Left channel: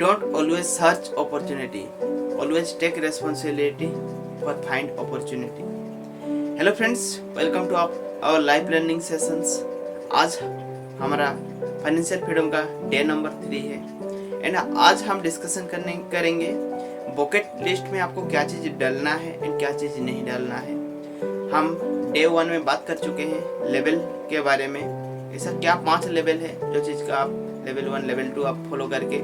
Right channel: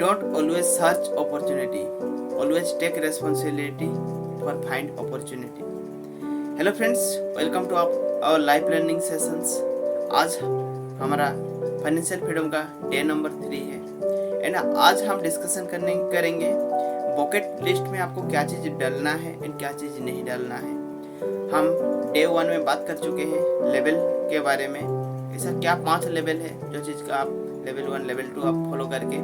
Don't always search opportunity. Always take responsibility for find opportunity. Hello friends, welcome to our live learning sessions. आज हमारा financial freedom का day number 3 है and आज हम discussion करेंगे bucket list में आपको क्या चीज़ डालना है एंड क्या चीज़ नहीं डालना है। हम डे 1 में बात कर चुके हैं लेवल के बारे में। ऐसा क्या 5 लेवल है जो चीज़ का आप लेवल 1 लेवल 2 आप फॉलो करके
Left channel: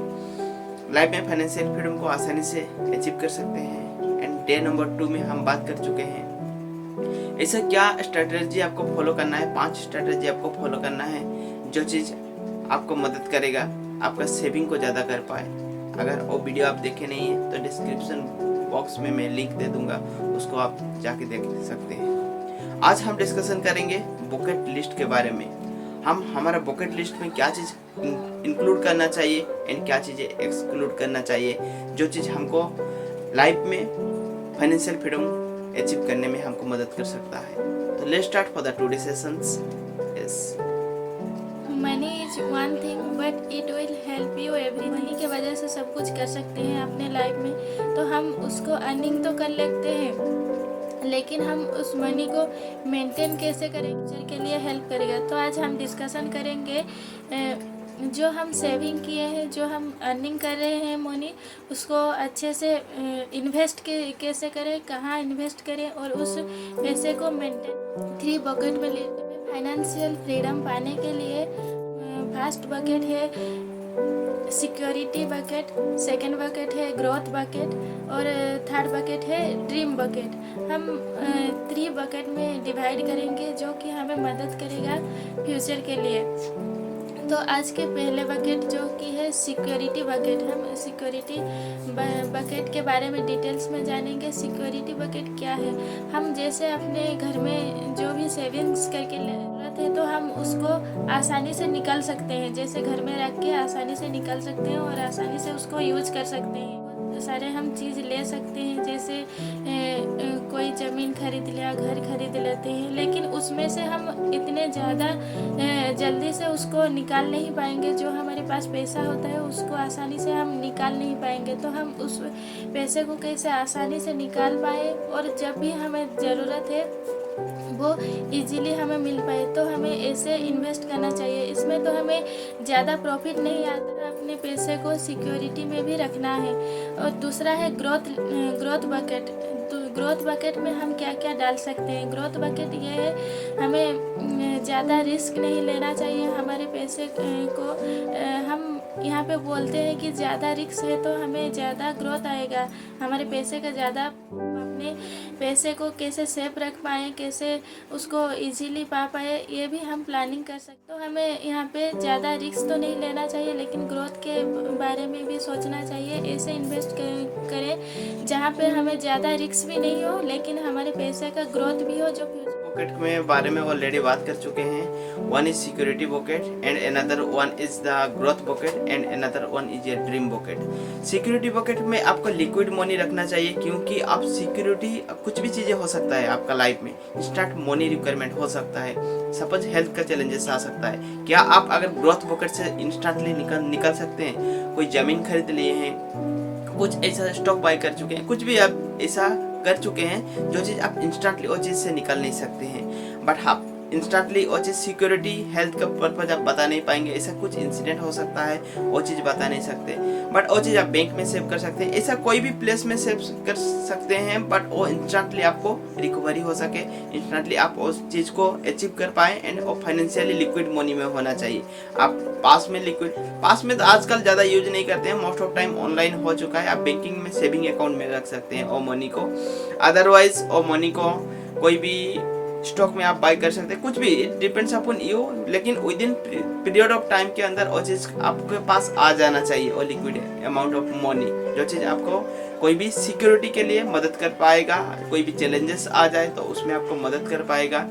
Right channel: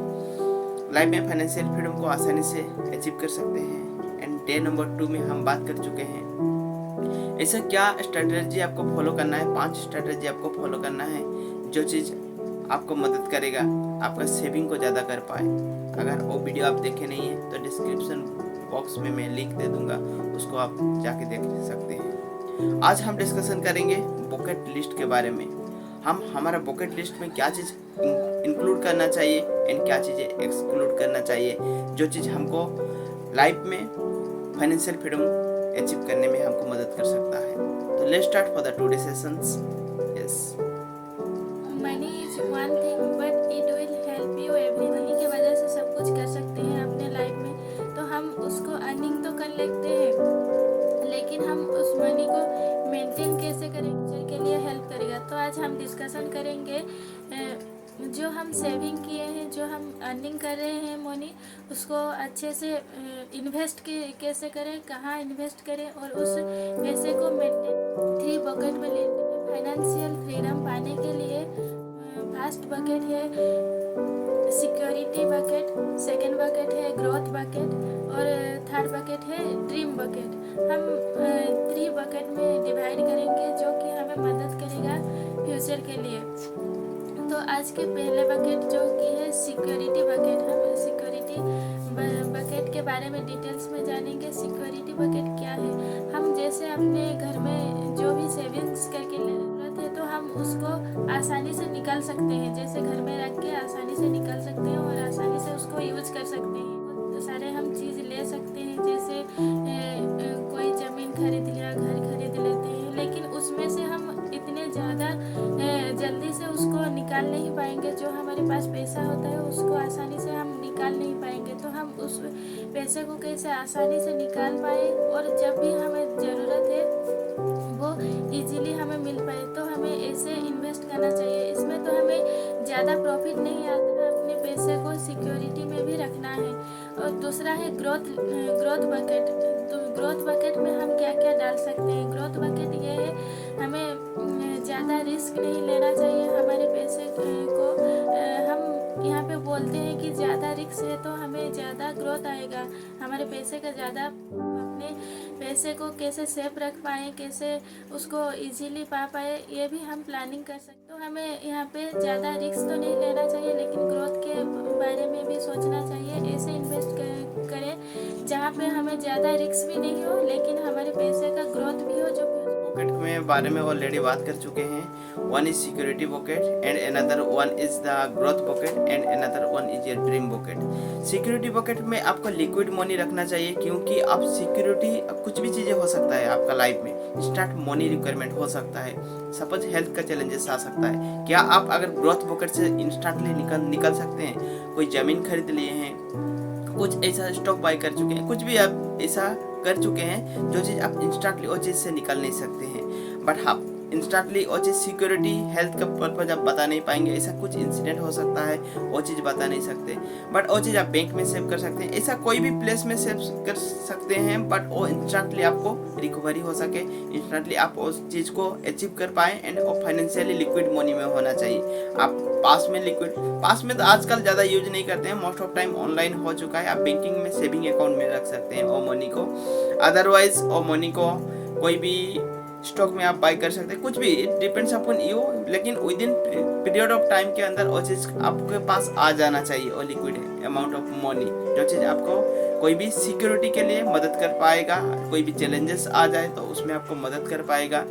लाइफ में फाइनेंशियल फ्रीडम को आसानी से अचीव कर सकते हैं। एंड डे नंबर 2 में हम बात कर चुके हैं ऐसा क्या स्ट्रेटजी आपको फॉलो करना है। 5 स्ट्रेटजी आपको फॉलो करना है जो चीज़ आपको मदद करेगा आपका सेविंग को ज़्यादा कर पाए। अगर वो वीडियो आप देखे नहीं है तो डिस्क्रिप्शन बॉक्स में मैं लिंक दे दूंगा, उसको आप जाके देख सकते हैं। आज हम डिस्कशन करेंगे बकेट लिस्ट के बारे में। हम हमारा बकेट लिस्ट में क्या चीज़ इंक्लूड करना चाहिए एंड क्या चीज़ें एक्सक्लूड करना चाहिए जो चीज़ हमको लाइफ में फाइनेंशियल फ्रीडम अचीव करने में हमको मदद कर सकता है। तो let's start for the today sessions. Yes, money is one thing but it will help you every. Money की वजह से सब कुछ कर सकते हैं अपने लाइफ में, तो हम उसको अर्निंग तो कर लेते हैं, लेकिन हम उस मनी को मेंटेन कैसे करें फ्यूचर के लिए हेल्प करेगा। तो आज हम डिस्कशन करेंगे जो हम सेविंग किए हैं, जो हम अर्निंग कर रहे हैं मनी, उसको अच्छे से इन्वेस्ट कैसे करें, कहाँ इन्वेस्ट करें और उस पैसे को मेंटेन 3 बकेट में लेते हैं। फाइनेंशियल फ्रीडम पाने के लिए फर्स्ट बकेट है सिक्योरिटी बकेट, सेकंड बकेट है ग्रोथ बकेट और थर्ड बकेट है ड्रीम बकेट। हम 3 बकेट में डिवाइड करेंगे जो कि हमें मदद करेगा फ्यूचर के लिए। तो आज के पहले बकेट जो कि है सिक्योरिटी बकेट, हम सिक्योरिटी बकेट के बारे में डिटेल्स में जानेंगे। सिक्योरिटी बकेट क्या है? हम जैसे अपने घर में जो भी सेविंग्स करके ज़रूरत है तो हम उसको आसानी से निकाल सकते हैं, जैसे घर में रख के आसानी से निकाल सकते हैं और आसानी से उसको यूज कर सकते हैं। तो सारे हम चीज़ ले सकते हैं, जैसे कोई ज़मीन खरीद लिया, घर खरीद लेते हैं, लेकिन उसमें से हम इतने ज़्यादा जल्दी से उसको निकाल नहीं पाएंगे। जो हमारे पास पैसा होता है उसको आसानी से हम निकाल नहीं पाएंगे, तो हम उस पैसे को कैसे आसानी से निकाल पाए और जब भी हमें ज़रूरत है वो इजीली हमें मिल पाए। तो हमें ऐसे इन्वेस्ट करना चाहिए। इसमें तो हमें ज़्यादा प्रॉफिट नहीं आता है, अपने पैसे को सिक्योरिटी में भी रखना है। और दूसरा है ग्रोथ बकेट। तो ग्रोथ बकेट में हम क्या क्या डाल सकते हैं? ग्रोथ बकेट ये है, हमें ज़्यादा रिस्क नहीं लेना चाहिए हमारे पैसे को। हम यहाँ पे बोलते हैं कि ज़्यादा रिस्क है तो हमें ज़्यादा ग्रोथ आएगा, हमारे पैसे का ज़्यादा अपने पैसे को कैसे सेफ रख पाए, कैसे उसको इजीली पा पाए, ये भी हम प्लानिंग कर सकते। तो हमें यहाँ पे ज़्यादा रिस्क तो नहीं लेना चाहिए, लेकिन ग्रोथ के बारे में भी सोचना चाहिए। ऐसे इन्वेस्ट करें जहाँ पे हमें ज़्यादा रिस्क भी नहीं हो लेकिन हमारे पैसे का ग्रोथ भी हो। जो बकेट में बारे में ऑलरेडी बात कर चुके हैं। One is security bucket and another one is the growth bucket and another one is a dream bucket. Security bucket में आपको लिक्विड मनी रखना चाहिए, क्योंकि आप सिक्योरिटी कुछ भी चीज़ें हो सकता है आपका लाइफ में। इंस्टेंट मनी रिक्वायरमेंट हो सकता है, सपोज हेल्थ का चैलेंजेस आ सकता है। क्या आप अगर ग्रोथ बकेट से इंस्टेंटली निकल सकते हैं? कोई ज़मीन खरीद लिए हैं, कुछ ऐसा स्टॉक बाय कर चुके हैं, कुछ भी आप ऐसा कर चुके हैं जो चीज़ आप इंस्टेंटली वो चीज़ से निकल नहीं सकते हैं। बट हाँ, इंस्टेंटली वो चीज़ सिक्योरिटी हेल्थ का पर्पज आप बता नहीं पाएंगे। ऐसा कुछ इंसिडेंट हो सकता है, वो चीज़ बता नहीं सकते, बट वो चीज़ आप बैंक में सेव कर सकते हैं। ऐसा कोई भी प्लेस में सेव कर सकते हैं, बट वो इंस्टेंटली आपको रिकवरी हो सके, इंस्टेंटली आप उस चीज़ को अचीव कर पाए एंड वो फाइनेंशियली लिक्विड मनी में होना चाहिए। आप पास में तो आजकल ज़्यादा यूज नहीं करते हैं, मोस्ट ऑफ टाइम ऑनलाइन हो चुका है। आप बैंकिंग में सेविंग अकाउंट में रख सकते हैं वो मनी को। अदरवाइज वो मनी को कोई भी स्टॉक में आप बाय कर सकते हैं, कुछ भी, इट डिपेंड्स अपॉन यू। लेकिन with in period of time के अंदर वो चीज़ आपके पास आ जाना चाहिए, वो लिक्विड अमाउंट ऑफ मनी, जो चीज़ आपको कोई भी सिक्योरिटी के लिए मदद कर पाएगा। कोई भी चैलेंजेस आ जाए तो उसमें आपको मदद कर पाएगा,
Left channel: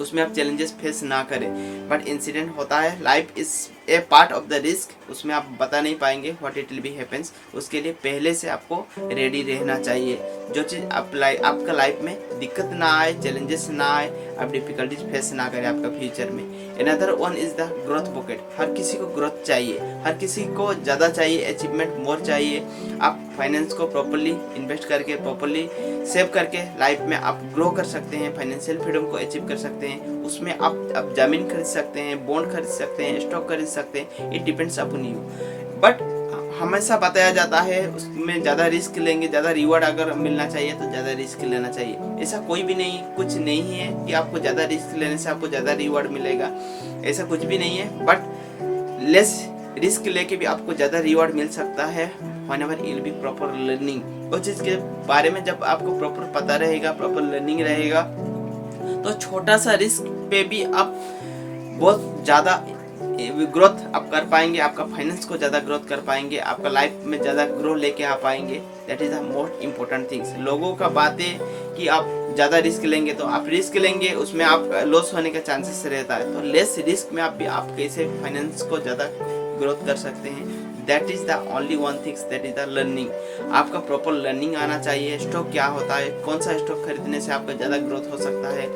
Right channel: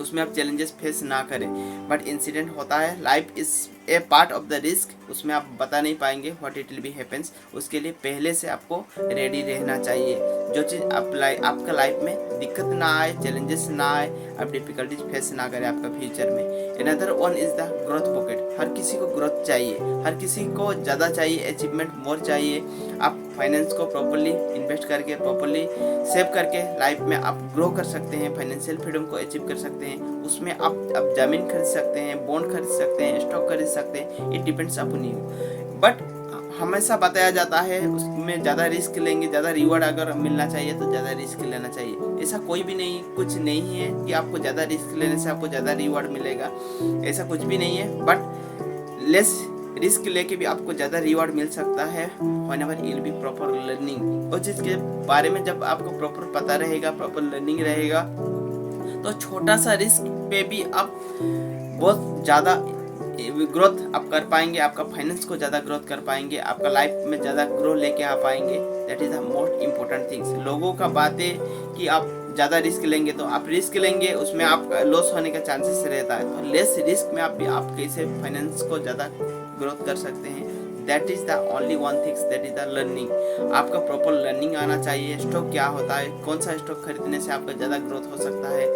उसमें आप चैलेंजेस फेस ना करें। बट इंसिडेंट होता है, life is a part of the risk, उसमें आप बता नहीं पाएंगे what it will B happens. उसके लिए पहले से आपको रेडी रहना चाहिए, जो चीज़ आपका लाइफ में दिक्कत ना आए, चैलेंजेस ना आए, आप डिफिकल्टीज फेस ना करें आपका फ्यूचर में। Another one is the growth pocket. हर किसी को ग्रोथ चाहिए, हर किसी को ज़्यादा चाहिए, अचीवमेंट मोर चाहिए। आप फाइनेंस को प्रॉपरली इन्वेस्ट करके, प्रॉपरली सेव करके लाइफ में आप ग्रो कर सकते हैं, फाइनेंशियल फ्रीडम को अचीव कर सकते हैं। उसमें आप ज़मीन खरीद सकते हैं, बॉन्ड खरीद सकते हैं, स्टॉक खरीद सकते हैं, it depends upon you. But हमेशा बताया जाता है उसमें ज़्यादा रिस्क लेंगे, ज़्यादा रिवॉर्ड अगर मिलना चाहिए तो ज़्यादा रिस्क लेना चाहिए। ऐसा कोई भी नहीं, कुछ नहीं है कि आपको ज़्यादा रिस्क लेने से आपको ज़्यादा रिवॉर्ड मिलेगा, ऐसा कुछ भी नहीं है। बट लेस रिस्क लेके भी आपको ज़्यादा रिवॉर्ड मिल सकता है whenever you will B proper learning. उस चीज़ के बारे में जब आपको प्रॉपर पता रहेगा, प्रॉपर लर्निंग रहेगा, तो छोटा सा रिस्क पे भी आप बहुत ज़्यादा ग्रोथ आप कर पाएंगे, आपका फाइनेंस को ज़्यादा ग्रोथ कर पाएंगे, आपका लाइफ में ज़्यादा ग्रो लेके आ पाएंगे। That is the most important things. लोगों का बात है कि आप ज़्यादा रिस्क लेंगे, तो आप रिस्क लेंगे उसमें आप लॉस होने का चांसेस रहता है। तो लेस रिस्क में आप कैसे फाइनेंस को ज़्यादा ग्रोथ कर सकते हैं, that is the only one things, that is the learning. आपका प्रॉपर लर्निंग आना चाहिए। स्टॉक क्या होता है, कौन सा स्टॉक खरीदने से आपका ज़्यादा ग्रोथ हो सकता है,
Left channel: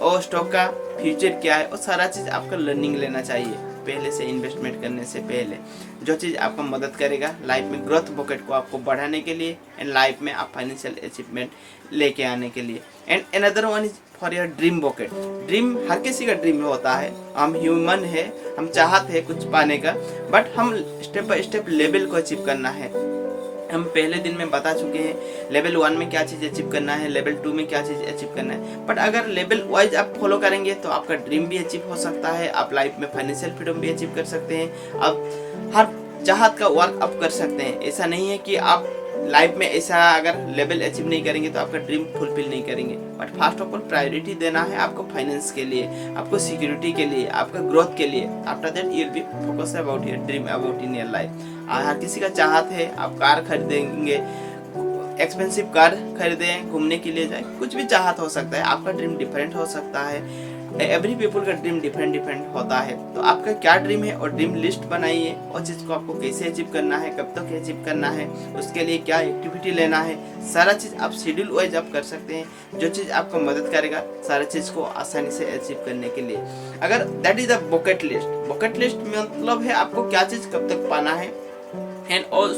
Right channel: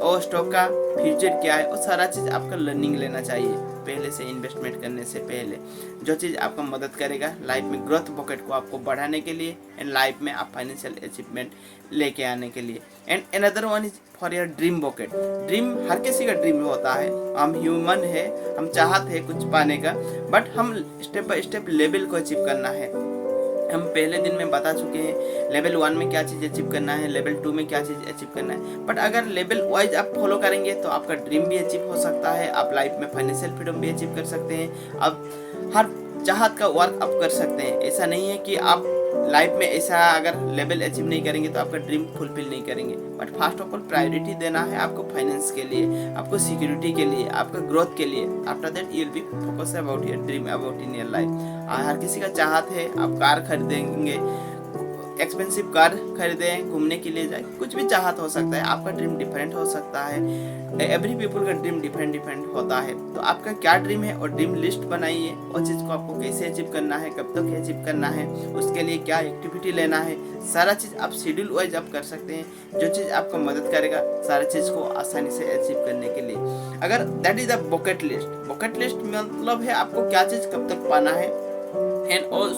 और स्टॉक का फ्यूचर क्या है, वो सारा चीज़ आपका लर्निंग लेना चाहिए पहले से, इन्वेस्टमेंट करने से पहले। जो चीज़ आपको मदद करेगा लाइफ में ग्रोथ पॉकेट को आपको बढ़ाने के लिए, एंड लाइफ में आप फाइनेंशियल अचीवमेंट लेके आने के लिए। And another one is for your dream pocket. Dream हर किसी का ड्रीम होता है, हम ह्यूमन है, हम चाहते हैं कुछ पाने का, बट हम स्टेप बाय स्टेप लेवल को अचीव करना है। हम पहले दिन में बता चुके हैं लेवल 1 में क्या चीज़ अचीव करना है, लेवल 2 में क्या चीज़ अचीव करना है। बट अगर लेवल वाइज आप फॉलो करेंगे तो आपका ड्रीम भी अचीव हो सकता है, आप लाइफ में फाइनेंशियल फ्रीडम भी अचीव कर सकते हैं, आप हर चाहत का वर्क आप कर सकते हैं। ऐसा नहीं है कि आप लाइफ में ऐसा अगर लेवल अचीव नहीं करेंगे तो आपका ड्रीम फुलफिल नहीं करेंगे। But first of all priority देना है आपको फाइनेंस के लिए, आपको सिक्योरिटी के लिए, आपका ग्रोथ के लिए। After that you will be focus about your dream, about in your life. हर किसी का चाहत है आप कार खरीदेंगे, एक्सपेंसिव कार खरीदें, घूमने के लिए जाए, कुछ भी चाहत हो सकता है। आपका ड्रीम डिफरेंट हो सकता है, एवरी पीपल का ड्रीम डिफरेंट होता है। तो आपका क्या ड्रीम है और ड्रीम लिस्ट बनाइए, और चीज़ को आपको कैसे अचीव करना है, कब तक अचीव करना है, उसके लिए क्या एक्टिविटी लेना है, सारा चीज़ आप शेड्यूल वाइज आप कर सकते हैं। जो चीज़ आपको मदद करेगा सारा चीज़ को आसानी से अचीव करने के लिए। अगर that is the bucket list. Bucket list मतलब है आपको क्या चीज़ कब तक पाना है, एंड और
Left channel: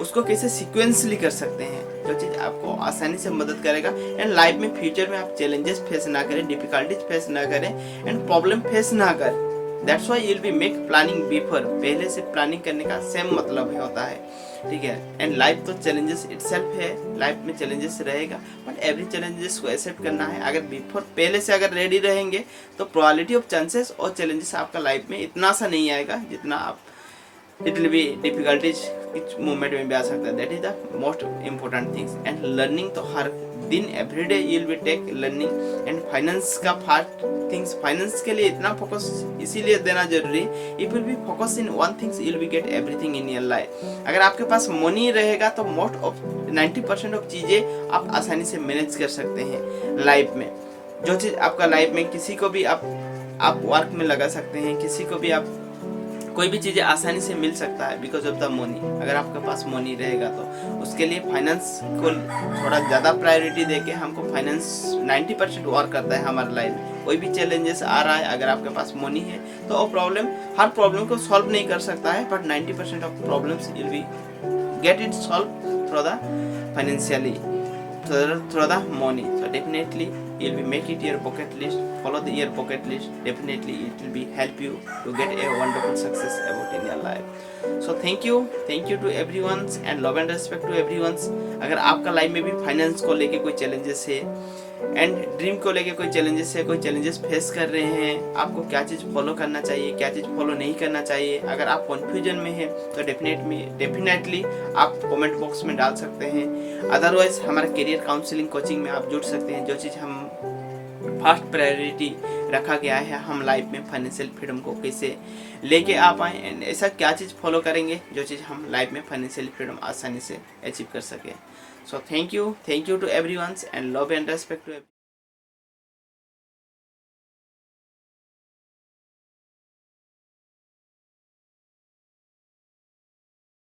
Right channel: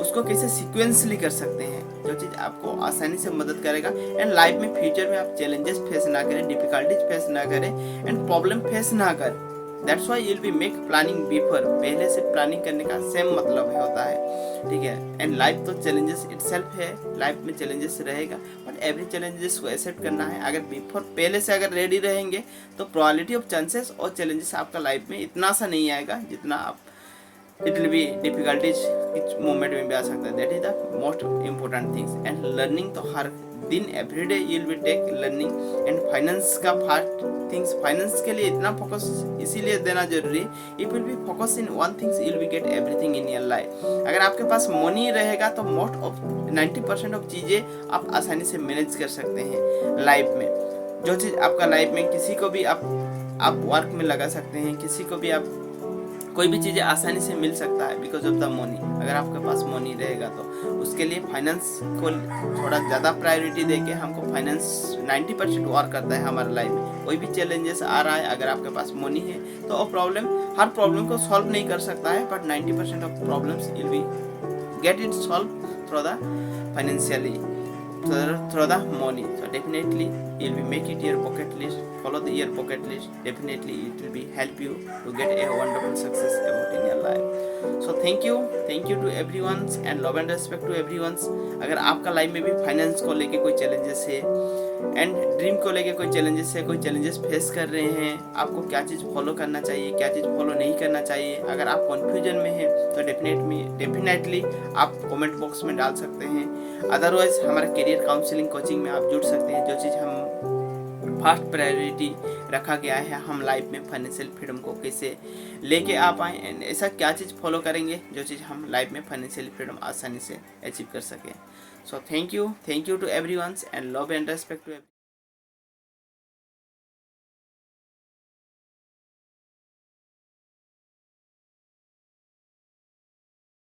उसको कैसे सीक्वेंसली कर सकते हैं, जो चीज़ आपको आसानी से मदद करेगा। एंड लाइफ में फ्यूचर में आप चैलेंजेस फेस ना करें, डिफिकल्टीज फेस ना करें, एंड प्रॉब्लम फेस ना करें। That's why you will be make planning before. पहले से प्लानिंग करने का सेम मतलब होता है, ठीक है। एंड लाइफ तो चैलेंजेस इटसेल्फ है, लाइफ में चैलेंजेस रहेगा, बट एवरी चैलेंजेस को एक्सेप्ट करना है। अगर बिफोर पहले से अगर रेडी रहेंगे तो प्रोबेबिलिटी ऑफ चांसेस और चैलेंजेस आपका लाइफ में इतना सा नहीं आएगा जितना आप इट विल बी डिफिकल्टीज कुछ मोमेंट में भी आ सकता है। That is the most important things. And learning तो हर दिन everyday you will be take learning. And finance का पार्ट थिंग्स, फाइनेंस के लिए इतना फोकस इसीलिए देना जरूरी, if will be focus in one things you will be get everything in your life. अगर आपके पास मनी रहेगा तो मोस्ट ऑफ 90% ऑफ चीज़ें आप आसानी से मैनेज कर सकते हैं लाइफ में। जो चीज़ आपका लाइफ में किसी को भी आप वर्क में लगा सकते हैं, किसी को भी आप कोई भी चीज़ें आसानी से मिल सकता है बिकॉज ऑफ द मनी। अगर आपके पास मनी रहेगा तो उसके लिए फाइनेंस को थोड़ा ज़्यादा प्रायोरिटी देके हमको फाइनेंस 90% वर्क करता है हमारे लाइफ में। कोई भी चैलेंजेस आ रहा है, अगर आपके पास मनी है तो वो हर प्रॉब्लम को सॉल्व नहीं कर सकता है, but 90% of problems will be get it solve through the financially, through the money. So definitely you will be make it your bucket list, follow your bucket list, definitely it will be help you to get a wonderful success about in your life. So thank you to everyone and love and respect to everyone. अगर आपका life में भी finance को लेके कोई challenges है and dream को लेके कोई चैलेंजेस फेस कर रहे हैं, आपको क्या चीज़ फॉलो करना चाहिए, क्या चीज़ फॉलो नहीं करना चाहिए, अगर आप कन्फ्यूजन में हैं तो डेफिनेटली आप कमेंट बॉक्स में डाल सकते हैं। अदरवाइज हमारा करियर काउंसलिंग कोचिंग में आप जुड़ सकते हैं। जो चीज़ हम फर्स्ट प्रायोरिटी रखा गया है, हम लाइफ में फाइनेंशियल फ्रीडम को कैसे लेके आ पाएँ, एंड ऐसा क्या चीज़ फॉलो करेंगे जो चीज़ हम लाइफ में फाइनेंशियल फ्रीडम आसानी से अचीव कर सकें। So thank you to everyone and love and respect to